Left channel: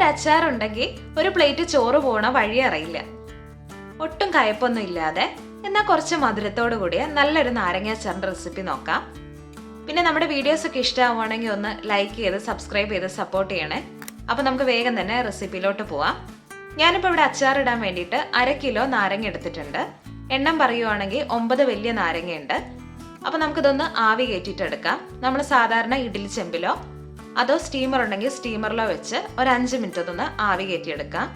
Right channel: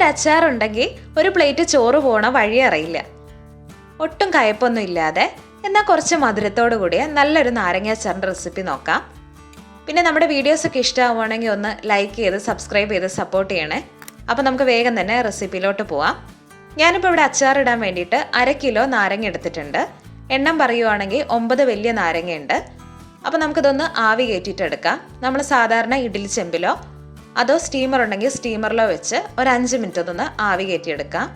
ഒരു അച്ചാറുണ്ടെങ്കിൽ ഒരു പ്ലേറ്റ് ചോറ് പോണ വഴി അറിയില്ല. ഒട്ടും കയ്പൊന്നും ഇല്ലാതെ എന്നാൽ കുറച്ച് മധുരത്തോടു കൂടിയ നല്ലൊരു നാരങ്ങ അച്ചാറിൻ്റെ റെസിപ്പി നോക്കാം. പിന്നെ നമ്മുടെ വീഡിയോസൊക്കെ ഇഷ്ടമാവുകയാണെങ്കിൽ ഒന്ന് ലൈക്ക് ചെയ്ത് സബ്സ്ക്രൈബ് ചെയ്ത് സപ്പോർട്ട് ചെയ്യണേ. അപ്പോൾ നമുക്ക് വേഗം തന്നെ റെസിപ്പിയിലോട്ട് പോവാം. ഞാനിപ്പോൾ ഇവിടെ അച്ചാറിടാൻ വേണ്ടിയിട്ട് 1/2 കിലോ നാരങ്ങ എടുത്തിട്ടുണ്ട്. എണ്ണം പറയുവാണെങ്കിൽ 9 വലിയ നാരങ്ങയുണ്ട്. അപ്പോൾ നമുക്കിതൊന്ന് ആവി കയറ്റിയിട്ടെടുക്കാം. നമ്മൾ സാധാരണ ഇഡ്ഡലി ചെമ്പിലോ അതോ സ്റ്റീമർ ഉണ്ടെങ്കിൽ സ്റ്റീമറിലോ വെച്ച് ഒരു 5 മിനിറ്റ് ഒന്ന് ആവി കയറ്റിയെടുക്കാം.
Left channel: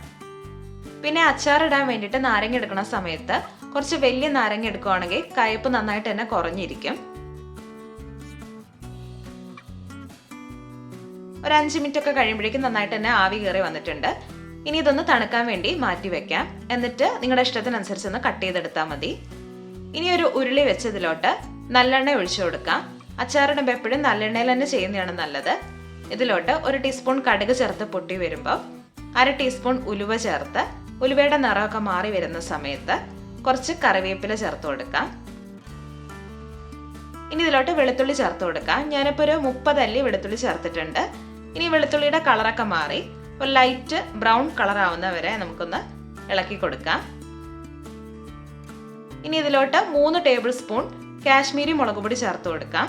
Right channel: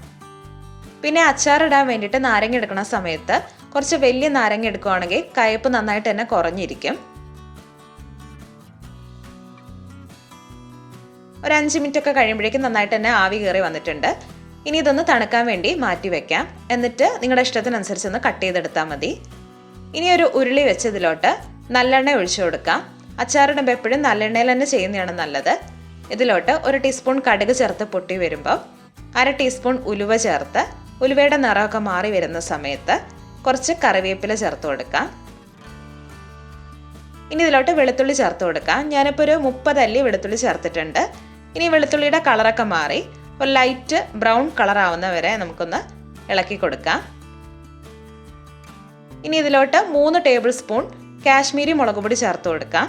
പിന്നെ അച്ചാറിടാൻ വേണ്ടിയിട്ട് നാരങ്ങ എടുക്കുന്ന സമയത്ത് കുറച്ച് വലിയ നാരങ്ങ എടുക്കുകയാണെങ്കിൽ കയ്പ്പ് നന്നായിട്ട് തന്നെ കുറഞ്ഞിരിക്കും. ഒരു 5 മിനിറ്റ് ഒക്കെ കഴിയുമ്പോഴേക്കും നന്നായിട്ട് തന്നെ ആവി കയറി വന്നിട്ടുണ്ട്. ഇനി ഇതൊന്ന് തണുക്കാൻ വേണ്ടി മാറ്റി വെക്കാം. എന്നിട്ട് നിങ്ങളുടെ ഇഷ്ടത്തിനനുസരിച്ച് ഒന്ന് കട്ട് ചെയ്തെടുത്താൽ മതി. ഇനി ഒരു ഉരുളി വെച്ച് ഇതിലോട്ട് നല്ലെണ്ണ ഒഴിച്ചു കൊടുക്കാം. അച്ചാറിടുമ്പോൾ എപ്പോഴും നല്ലെണ്ണയിൽ തന്നെ ചെയ്യുന്നതാണ് നല്ലത്. ഇതിലോട്ട് 1 ടീസ്പൂൺ കടുക് ചേർത്ത് പൊട്ടി വരുമ്പോൾ 1/2 ടീസ്പൂൺ ഉലുവ ചേർത്ത് ഉലുവയുടെ നിറമൊക്കെ മാറി വരുന്ന സമയത്ത് കുറച്ച് കറിവേപ്പില ചേർത്ത് കൊടുക്കാം. ഇനി ഇതിലോട്ട് വെളുത്തുള്ളി ചേർത്ത് കൊടുക്കാം. ഞാനിപ്പോൾ ഒരു 30 അല്ലി വെളുത്തുള്ളി ചേർത്തിട്ടുണ്ട്. ഇനി വെളുത്തുള്ളിയുടെ കളറൊക്കെ മാറി ഒരു ലൈറ്റ് ബ്രൗൺ കളർ ആവുന്ന വരെ നമുക്കൊന്ന് ഇളക്കി കൊടുക്കാം. ഇനി ഇതിലോട്ട് 3 ടേബിൾ സ്പൂൺ കാശ്മീരി മുളക് പൊടി ചേർത്ത് കൊടുക്കാം.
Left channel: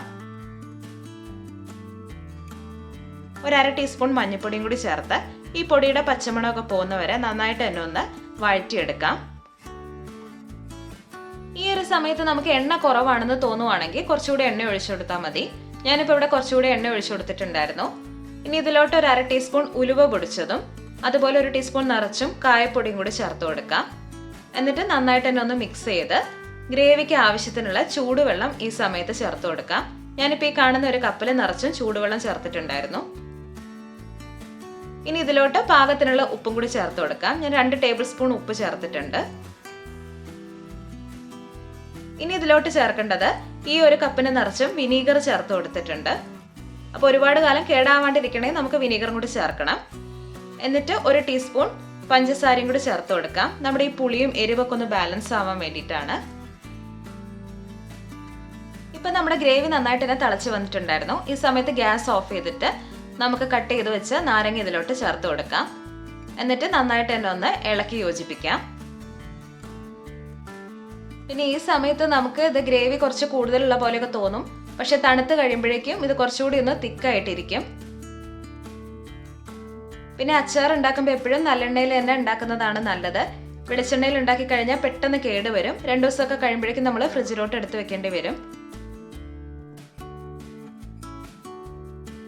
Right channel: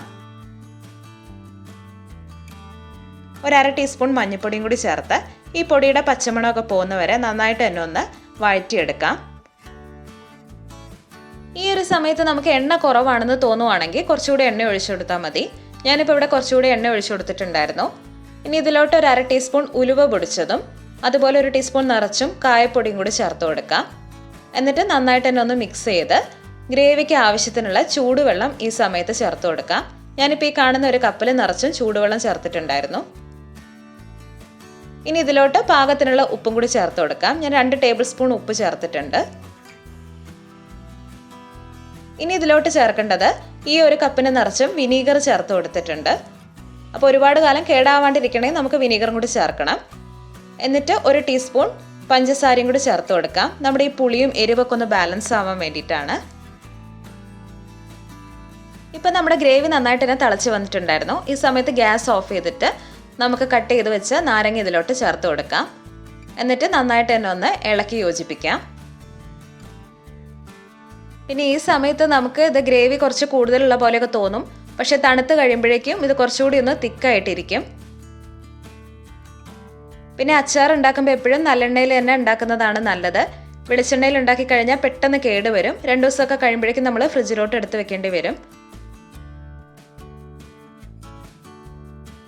ഒരു 1/2 ടീസ്പൂൺ മഞ്ഞൾപ്പൊടിയും കൂടി ചേർത്ത് ഈ പൊടിയുടെ പച്ചമണമൊക്കെ പോകുന്നവരെ നന്നായിട്ട് തന്നെ ഒന്ന് വഴറ്റിയെടുക്കാം. ഈ ഒരു സമയത്ത് നമുക്ക് എണ്ണ കുറവാണെന്ന് തോന്നുവാണെങ്കിൽ കുറച്ചുകൂടി എണ്ണ ഒഴിച്ചു കൊടുത്താൽ മതി. ഞാനിപ്പോൾ ഇവിടെ കുറച്ചുകൂടി എണ്ണ ഒഴിച്ചു കൊടുത്തിട്ടുണ്ടായിരുന്നു. ഇനി ഇതിലോട്ട് ഒരു 1/2 ടീസ്പൂൺ ഉലുവ പൊടിച്ചതും അതുപോലെ 1 ടീസ്പൂൺ നിറച്ചും കായപ്പൊടിയും കൂടി ചേർത്ത് കൊടുക്കാം. എന്നിട്ട് നന്നായിട്ട് തന്നെ ഒന്ന് മിക്സ് ചെയ്ത് ഗ്രേവിക്ക് ആവശ്യത്തിനുള്ള ചൂടുവെള്ളം ഈ സമയത്ത് ചേർത്ത് കൊടുക്കാം. ഞാനിപ്പോൾ ഈ കാണുന്ന ഒരു കപ്പിൽ നിറച്ചും ചൂടുവെള്ളം ചേർത്തിട്ടുണ്ടായിരുന്നു. ഇനി ഇതിലോട്ട് പാകത്തിനുള്ള ഉപ്പും കൂടി ചേർത്ത് കൊടുക്കാം. ഞാൻ 2 ടേബിൾ സ്പൂൺ ഉപ്പ് ചേർത്തിട്ടുണ്ട്. ഇനി ഇതിലോട്ട് ചേർക്കേണ്ടത് ഈ ഒരു കപ്പിന് നിറച്ചും വിനീഗർ ചേർത്ത് കൊടുത്തിട്ടുണ്ട്. അപ്പോൾ ഒരുപാട് കാലം കേടാവാണ്ടിരിക്കണമെങ്കിൽ നമുക്ക് വിനീഗറും കൂടി ചേർക്കണം. എന്നിട്ട് 1 ടീസ്പൂൺ പഞ്ചസാരയും കൂടി ചേർത്ത് കൊടുക്കാം. നമ്മുടെ ഈ പുളിയും എരിവൊക്കെ ഒന്ന് ബാലൻസ് ആവാൻ വേണ്ടിയിട്ടാണ്. ഇപ്പം നമ്മുടെ ഗ്രേവി നന്നായിട്ട് തന്നെ തിളച്ച് വന്നിട്ടുണ്ടായിരുന്നു. ഈ സമയത്ത് ഗ്യാസ് ഓഫ് ചെയ്തിട്ട് നമുക്ക് കട്ട് ചെയ്ത് വെച്ച് നാരങ്ങ ഇതിലോട്ട് ചേർത്ത് കൊടുക്കാം. എന്നിട്ട് നന്നായിട്ട് തന്നെ ഒന്ന് ഇളക്കി യോജിപ്പിക്കാം. പിന്നെ ഈ സമയത്ത് നമുക്ക് ഇത് ഗ്രേവി കുറച്ച് കൂടുതലുള്ള പോലെയൊക്കെ തോന്നും. പക്ഷെ തണുത്ത് കഴിയുമ്പോഴേക്കും ഇത് കുറച്ചുകൂടി ഒന്ന് തിക്കായിട്ടിരിക്കും. പിന്നെ അച്ചാർ ഉണ്ടാക്കുമ്പോൾ എപ്പോഴും നല്ലെണ്ണയിൽ തന്നെ ഉണ്ടാക്കുന്നതാണ് നല്ലത്. വെളിച്ചെണ്ണയിൽ ഉണ്ടാക്കി കഴിഞ്ഞാൽ പെട്ടെന്ന് കേടുവരും. 2 ദിവസമൊക്കെ കഴിയുമ്പോഴേക്കും നമ്മൾ ഫ്രിഡ്ജിലോട്ട് എടുത്ത് വെക്കേണ്ടി വരും.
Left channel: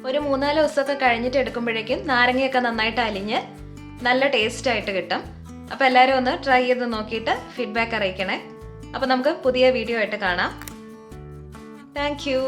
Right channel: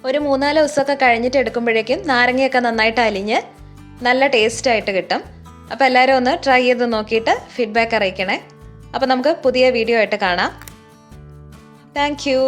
ഒരു 3-4 ദിവസമൊക്കെ കഴിഞ്ഞിട്ട് എടുക്കുമ്പോഴേക്കും നാരങ്ങയൊക്കെ നന്നായിട്ട് അലിഞ്ഞ് നല്ല ടേസ്റ്റ് ആയിട്ട് കിട്ടും. അപ്പോൾ എല്ലാവരും ഒന്ന് ട്രൈ ചെയ്ത് നോക്കിയിട്ട് ഫീഡ്ബാക്ക് അറിയിക്കണേ. അപ്പോൾ നമുക്ക് പുതിയ വീഡിയോ ആയിട്ട് കാണാം. Thank you.